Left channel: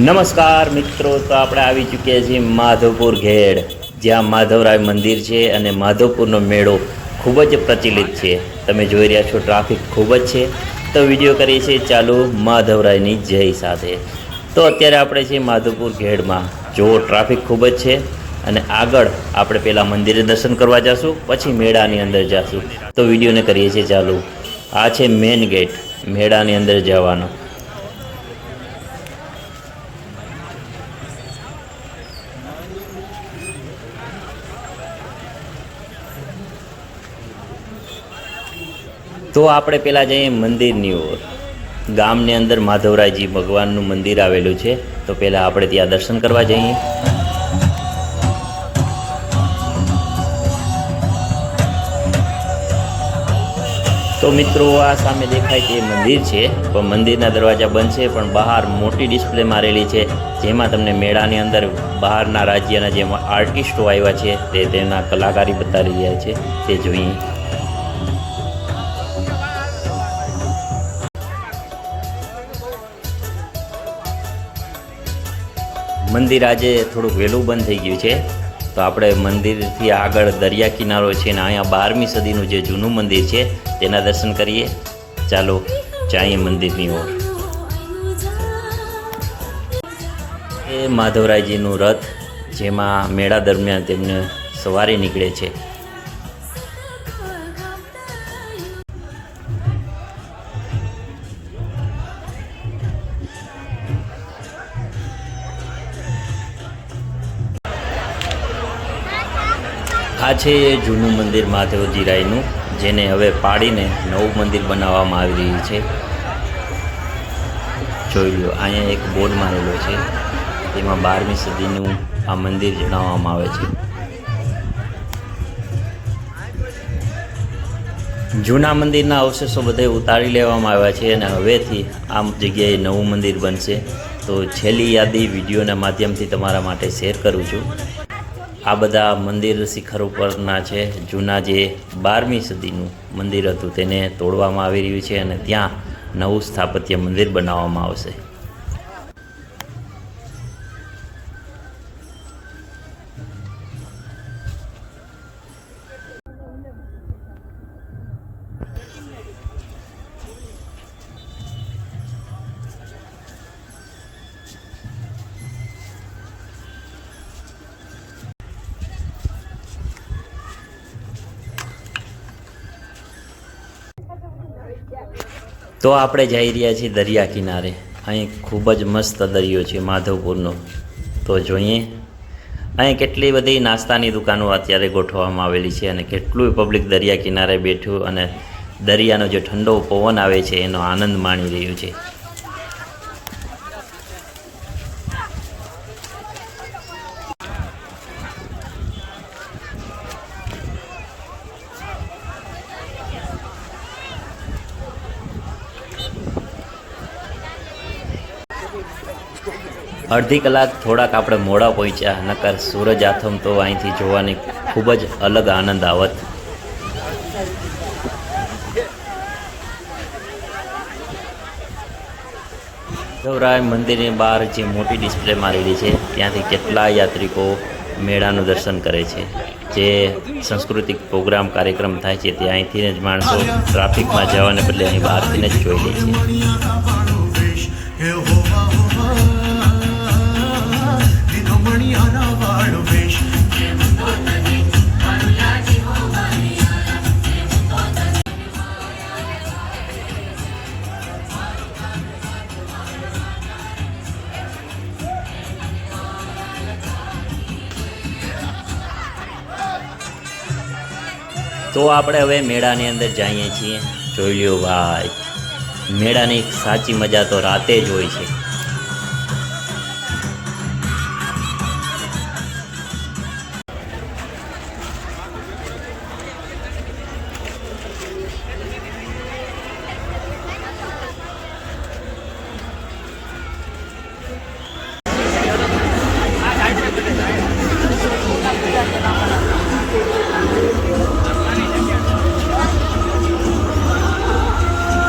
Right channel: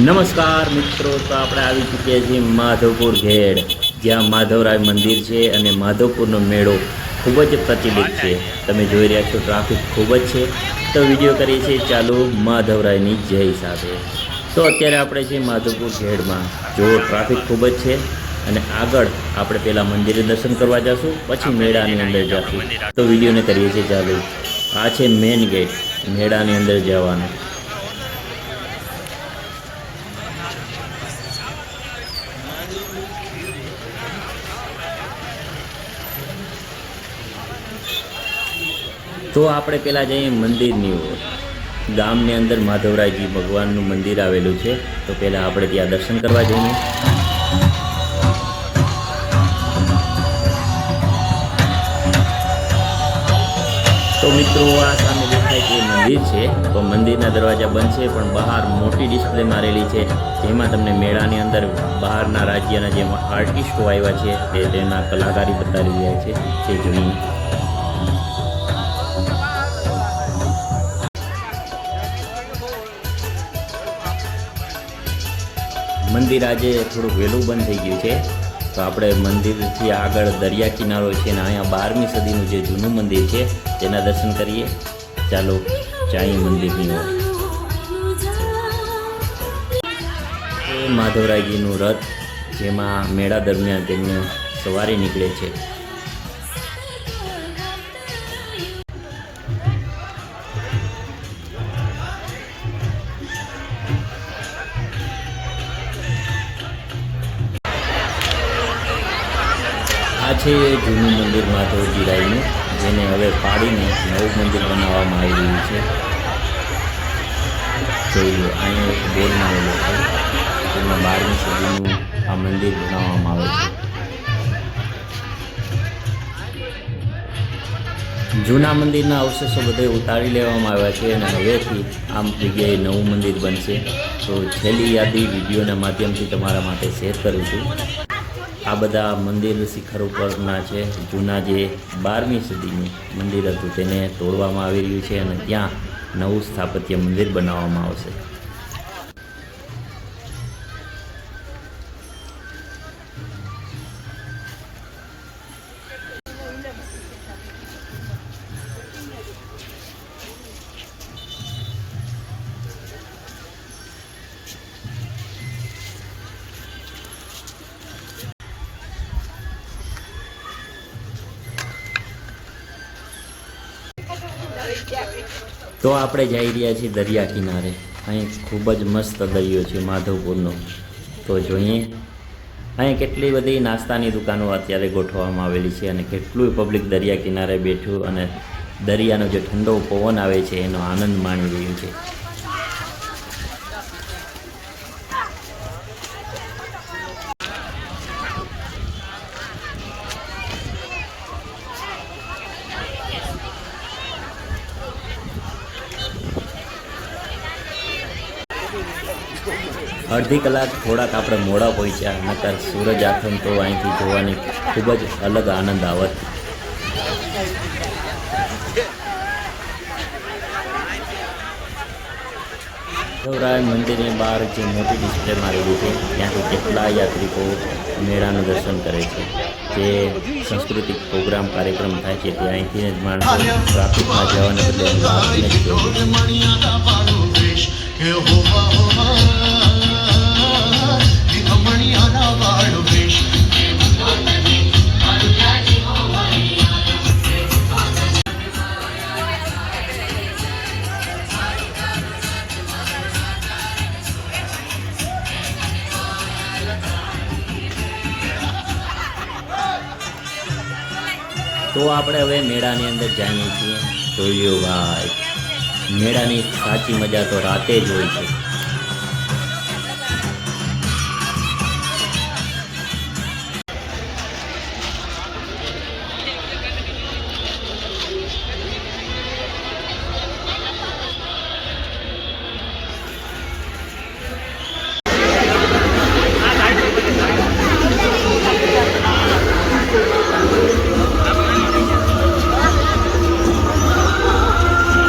નમસ્કાર મિત્રો, તો આપણે આવી ચૂક્યા છીએ માધવપુર ઘેડ, જ્યાં માધવરાય મંદિર છે અને માધવપુરનો મેળો ખૂબ જ પ્રચલિત છે. તમે જોઈ રહ્યા છો ટ્રાફિક ખૂબ જ છે. તો વિડીયો કરીએ છીએ ચાલુ માધવરાયની જય સાથે. તો અત્યારે આપણે છીએ માધવપુર ઘેડમાં. જો ટ્રાફિક ખૂબ જ છે અને આગળ આપણે પહેલાં મંદિરે દર્શન કરવા જઈશું, પછી મેળાની અંદર જઈશું. તો વિડીયોને કરીએ છીએ ચાલુ. આ છે મેઇન ગેટ મેળાની અંદર જવાનો. તો આપણે પહેલાં જઈએ મંદિરની ઓર. ગામની અંદર માધવરાયજી ભગવાનનું મંદિર આવેલું છે, તો પહેલાં આપણે ત્યાં દર્શન કરવા જઈએ. તો મિત્રો, આ સામે દેખાય તે મંદિર છે, પણ મંદિરના દરવાજા બંધ છે, પણ બહાર મોટી ડિસ્પ્લે મારેલી છે, જેમાં તમને મેળાની અંદર બહારના રાજ્યના જે આર્ટિસ્ટો આવ્યા છે તે તેના કલાકારી બતાવી રહ્યા છે, તે જોઈએ. મંદિર આજે થોડુંક વહેલું બંધ થઈ ગયું છે, તો આપણે મંદિરથી આગળ દરિયા કિનારો છે ને અહીંયા 12મી સદીનું જે જૂનું મંદિર છે તેના દર્શન કરીએ. ચાલો જઈએ મંદિરની ઓર. એ માધવરાયજીનું રથ, જેમાં મેળા દરમિયાન તેમને સવારી નીકળે છે. આ છે જૂનું મંદિર માધવજી રાયનું, જેને હવે પાડીને નવું મંદિર બનાવવામાં આવી રહ્યું છે. જોઈ લો, અહીંયા એક બોર્ડ મારેલો છે, તેમાં 12મી સદીનું આ મંદિર જણાવવામાં આવે છે. જૂના મંદિરના અવશેષો બધે ઉતારી લેવામાં આવ્યા છે અને હવેથી આ જગ્યાએ નવું મંદિર બનશે. તો છેલ્લી યાદી વિડીયોના માધ્યમથી તમારા માટે શેર કરું છું. આ બધા મંદિર શિખર ઉપરના છે. જૂના જે 12મી સદીનું મંદિર હતું તેને તોડવામાં આવી રહ્યું છે અને ત્યાં નવું સ્થાપત્ય મંદિર બનાવવામાં આવશે. તો આપણે જઈ રહ્યા છીએ દરિયા કિનારે. અહીં ખૂબ જ મસ્ત દરિયો છે માધવપુરનો. તો જોઈએ, અહીં કેટલી બધી નાસ્તાની દુકાનો અત્યારે ગોઠવવામાં આવેલી છે અને કેટલું પબ્લિક દરિયા કિનારે બેઠું અને દરિયાનો જે ઠંડો પવન આવે છે એનો આનંદ માણી રહ્યું છે. અડધી કલાક થોડાક આપણે મોડા પહોંચ્યા, નકર સૂરજ આથમ તો અહીંથી જોવાની ખૂબ જ અલગ આનંદ આવત. માધવરાય મંદિરની બહાર જે મોટી ડિસ્પ્લે મારેલી છે ત્યાંથી કેટલા યાત્રિકો મેળાનું દર્શન કરે છે. જે સાંસ્કૃતિક પ્રોગ્રામ કાર્યક્રમ થાય છે તે અહીંથી જ માણસો ટ્રાફિકમાં જવાને બદલે અહીં બહારથી જ જોઈ લે છે. તો આપણે હવે મેળાની અંદર જઈએ છીએ. જોઈ લ્યો ભાઈ, મેળાની સાચી મજા તો રાતે જ હોય છે.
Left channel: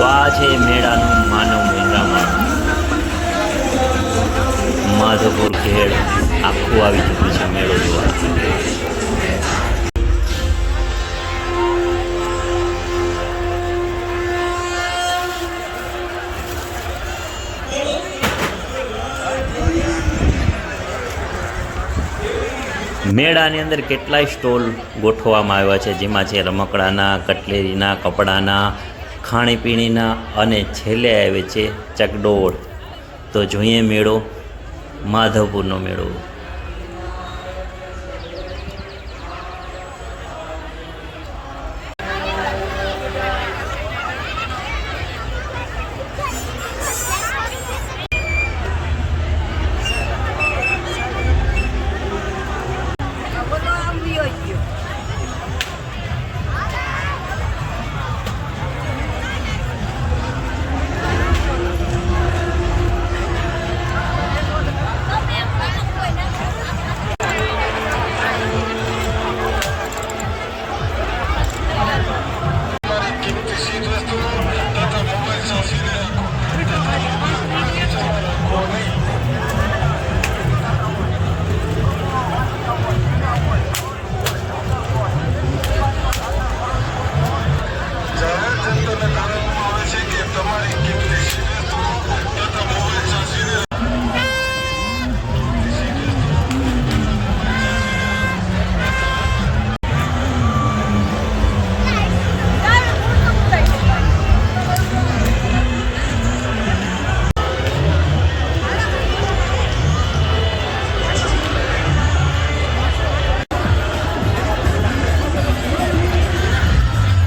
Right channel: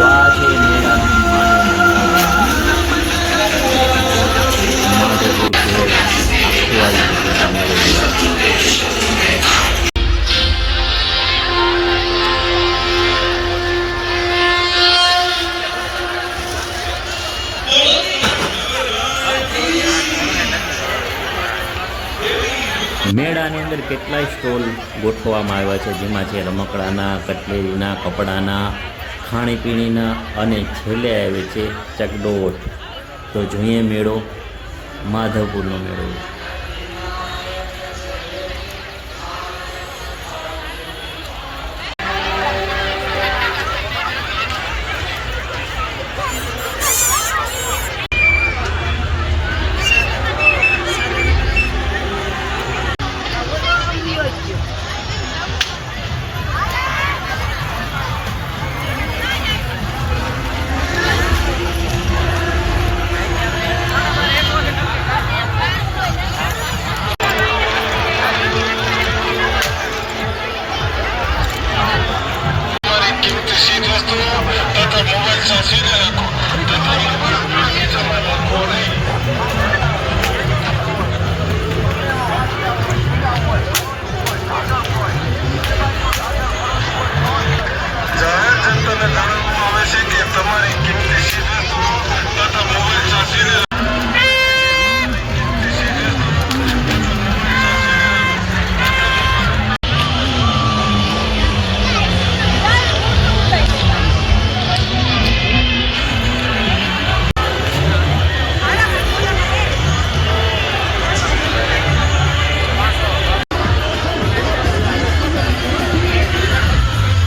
તો આ છે મેળાનું માનવ મહેરામણ. માધવપુર ઘેડ આખું આવી ચૂક્યું છે મેળો જોવા. મેળાની અંદર કેટલાય સ્ટોલ ગોઠવવામાં આવ્યા છે, જેમાં છે રમકડાના, કટલેરીના, કપડાના, ખાણીપીણીના અને છેલ્લે આવે છે ચકડોળ. તો જોઈએ મેળો, માધવપુરનો મેળો.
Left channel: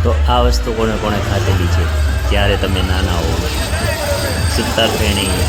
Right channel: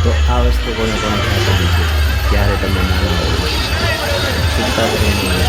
તો આ વસ્તુ કોને કોને ખાધેલી છે જ્યારે તમે નાના હો? સુતર ફેણી,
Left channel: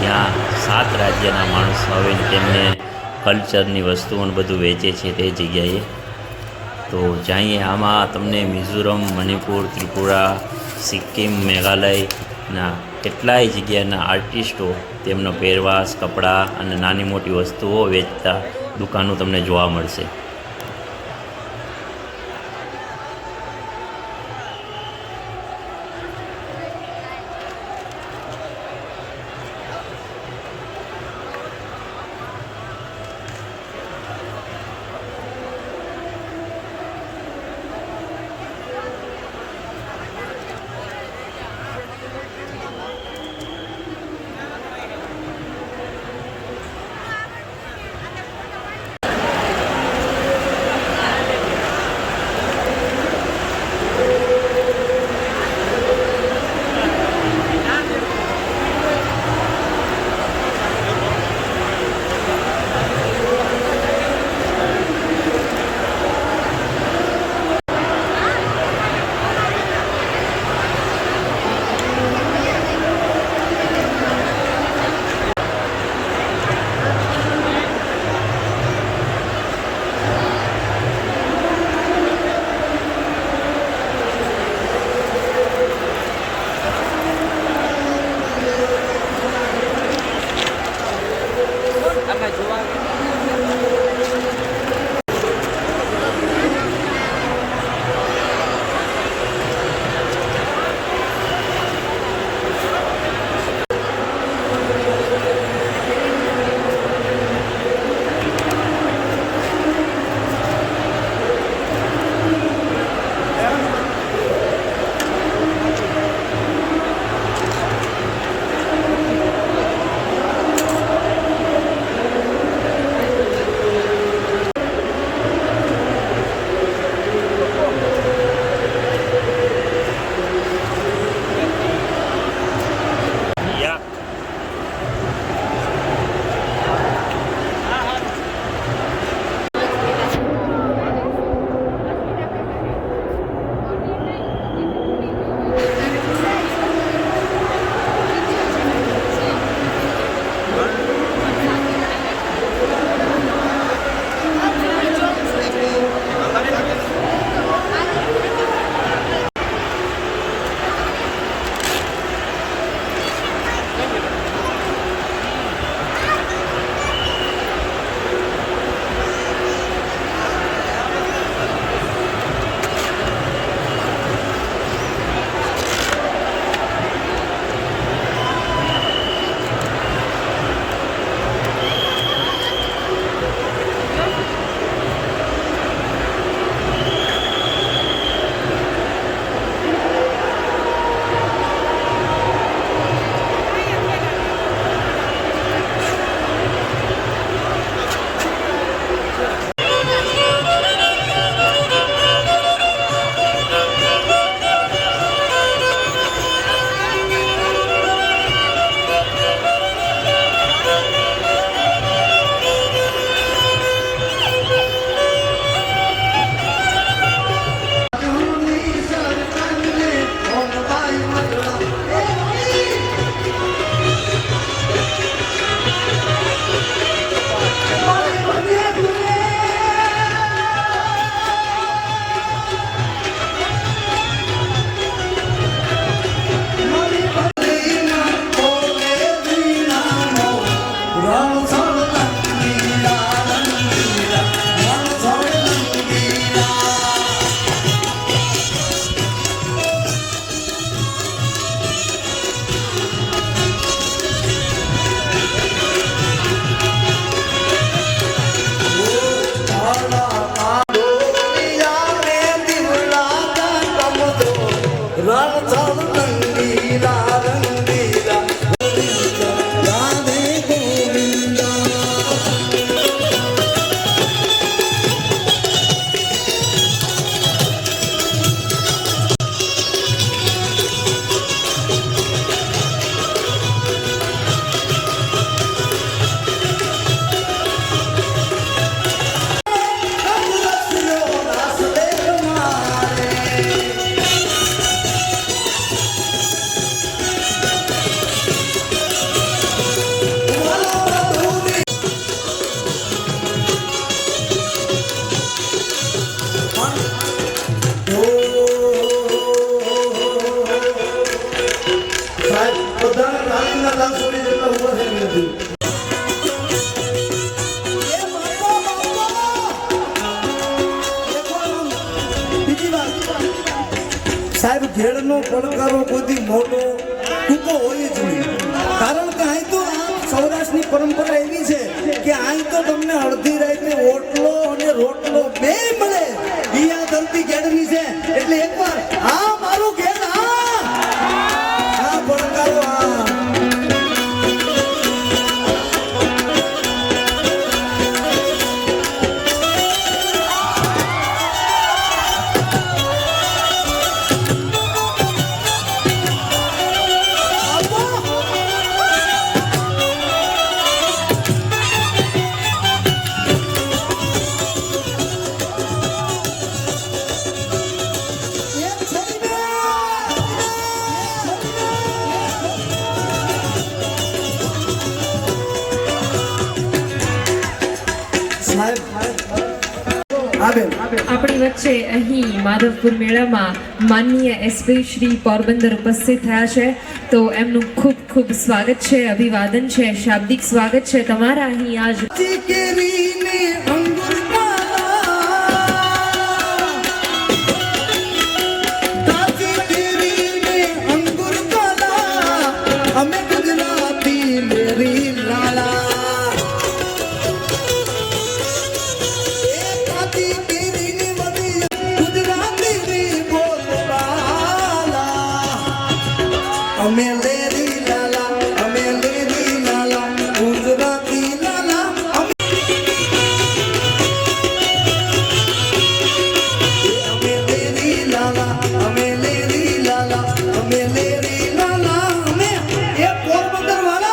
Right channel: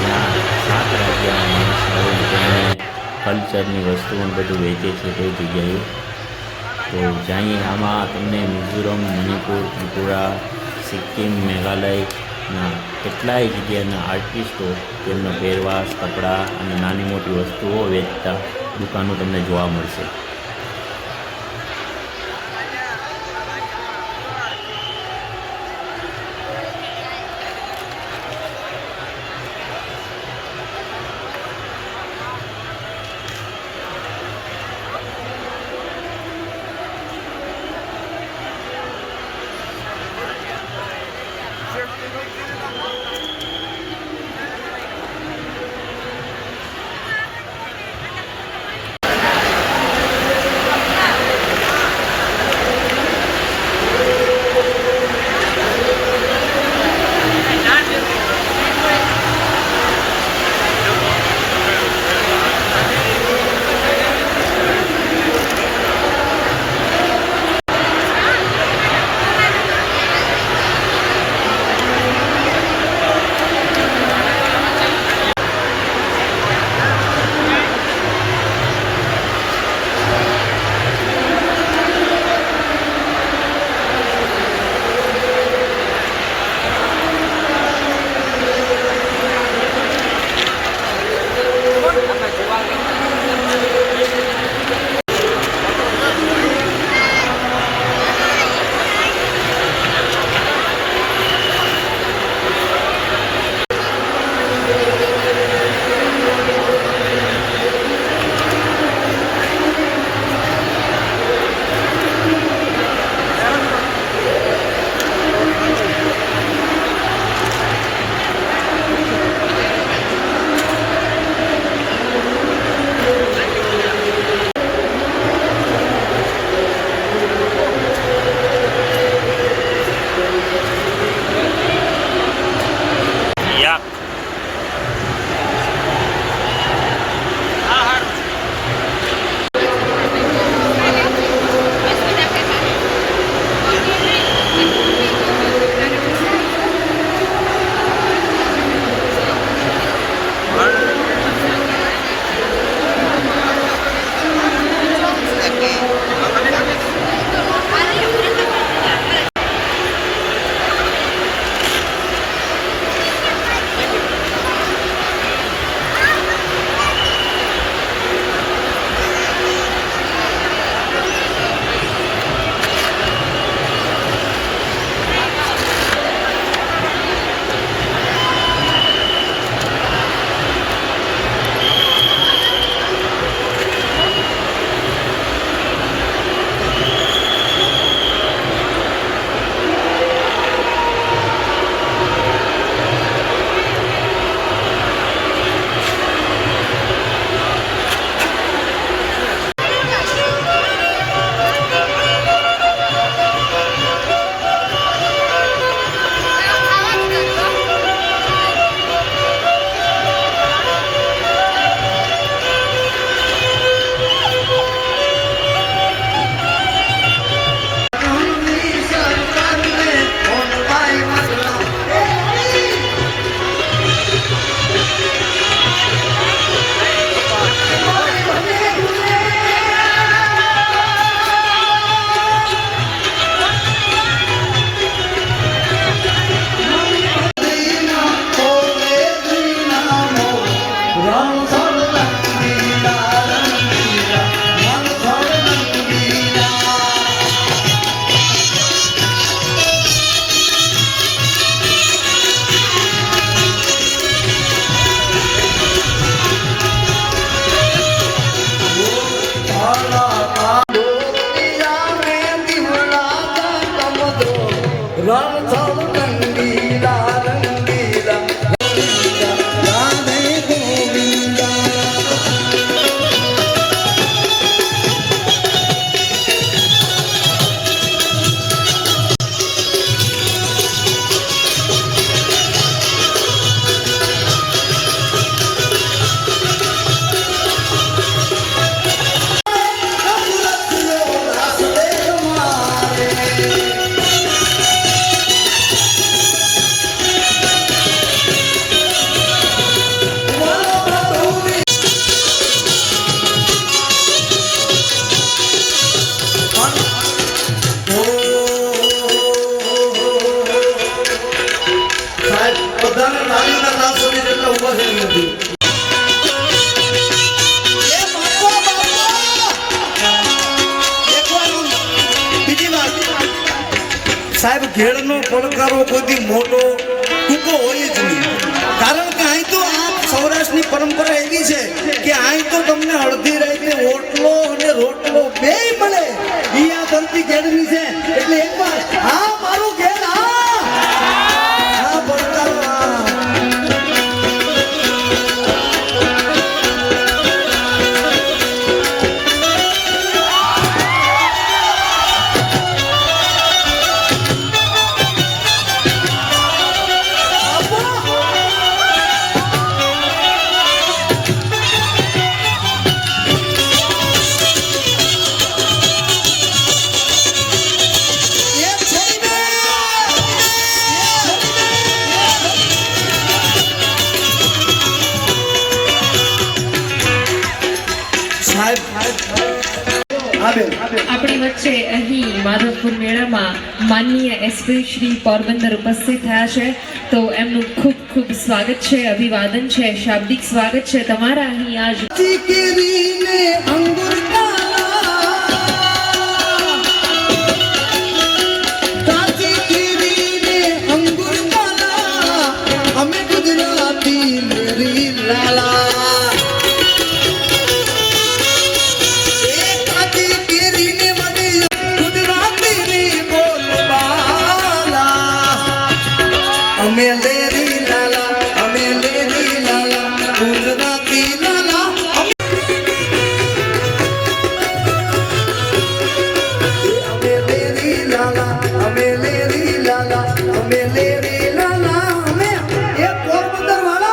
ત્યાં 7 રાજ્યના માણસો આવીને તેમને કલ્ચરની વસ્તુઓ બધું વેચે છે તે જગ્યાએ. તો જઈએ. આમાં તમને મિઝોરમ, મણિપુર, ત્રિપુરા, સિક્કિમ, મેઘાલયના કેટલાય જગ્યાના આર્ટિસ્ટો તેમનો પહેરવાશ, કપડાં અને નાની મોટી વસ્તુઓ વેચતા દુકાનો તમને જોવા મળશે. રણછોડ રંગીલા રંગીલા રાધે ગોવિંદા નથી. બીજી વાત, સાહેબ ઘેડનો પડકારો કોઈ મોટો ટૂંકો હોય જ નહીં. કારણ કે અહીં તો આ સૌરાષ્ટ્રની પરંપરા એવી છે કે અહીં તો તમને અડધી રાતે ઓટલો અને રોટલો બે મળે. ઈ આ ધરતી ઘેડની છે. એટલે એકવાર હા મારું ઘેડ, હા પડકારો, હા. આપણી વચ્ચે અહીં માધવપુર મેળામાં માનનીય એસપી શ્રી પોરબંદર ઉપસ્થિત થયા છે, તો એમનું ખૂબ ખૂબ સ્વાગત છે, અભિવાદન છે, શાબ્દિક સ્વાગત છે તમારા અહીં આજ. અમે ગુજરાતી મેરી લાલા અમે લેરી લાલા, અમે લેરી લાલા, ગુજરાતી લાલા. અમે લેરી લાલા, અમે લેરી લાલા, અમે લેરી લાલા, અમે એ પોરબંદર વાળા.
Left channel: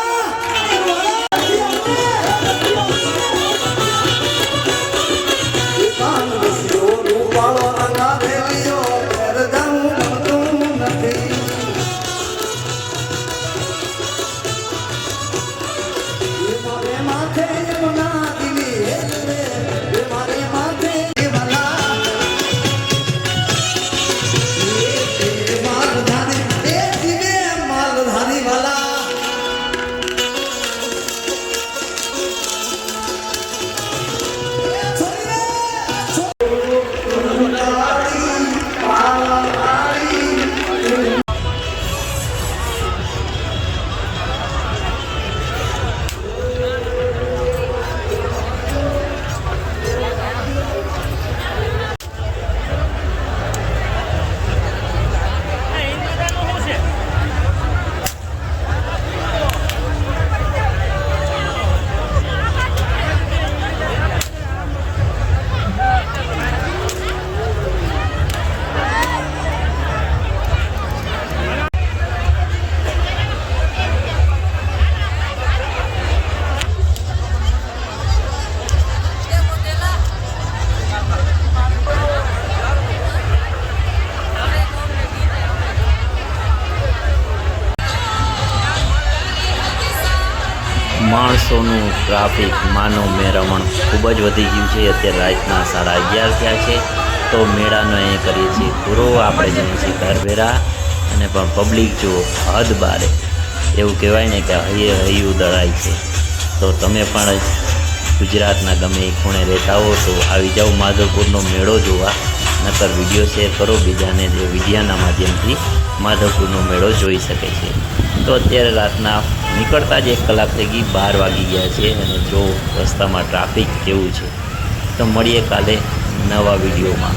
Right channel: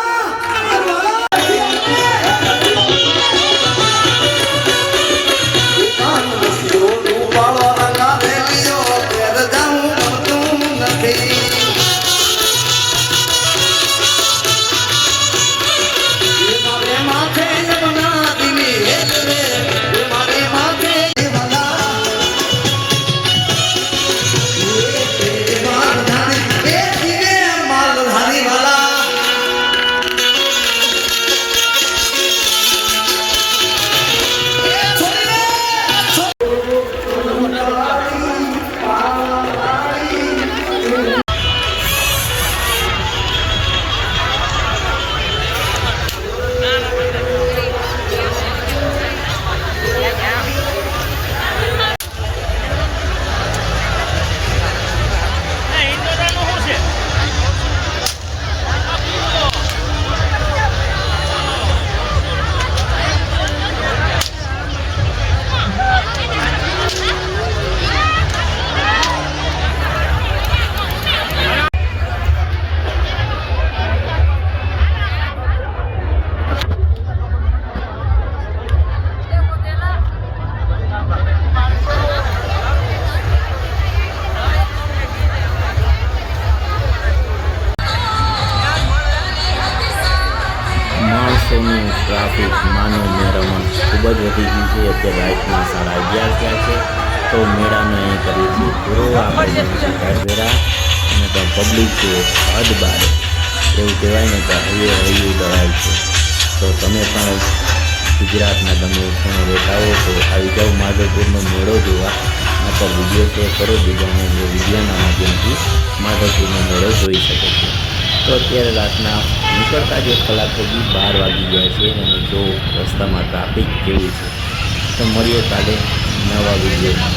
માણસોનું ટ્રાફિક માનવ મેળવણ ખૂબ જ વધી ગયું છે. અત્યારે રાતના 11:30 થયા છે, તો મેળાનો અહીં કરીએ છીએ પૂરો. આપણે જઈએ છીએ ઘરભેરા અને પણ પબ્લિક જુઓ હદ બારે, એવું કહેવાય ને કે હૈયે હૈયું દળાય છે. તો તમે પણ ગુજરાતના ગમે એ ખૂણે રહેતા હો તો આવી જાઓ માધવપુરનો મેળો જોવા, નકર વિડીયો શેર કરો બીજાને, જે વિડીયાના માધ્યમથી માધવપુરનો મેળો જોઈ શકે છે. તો અત્યારે રાતના નીકળતા જ 1 કલાક થઈ ગઈ, 12 વાગી ગયા છે અને જો રસ્તામાં ટ્રાફિક કેવું છે. તો મળીએ કાલે નવા વિડીયોમાં.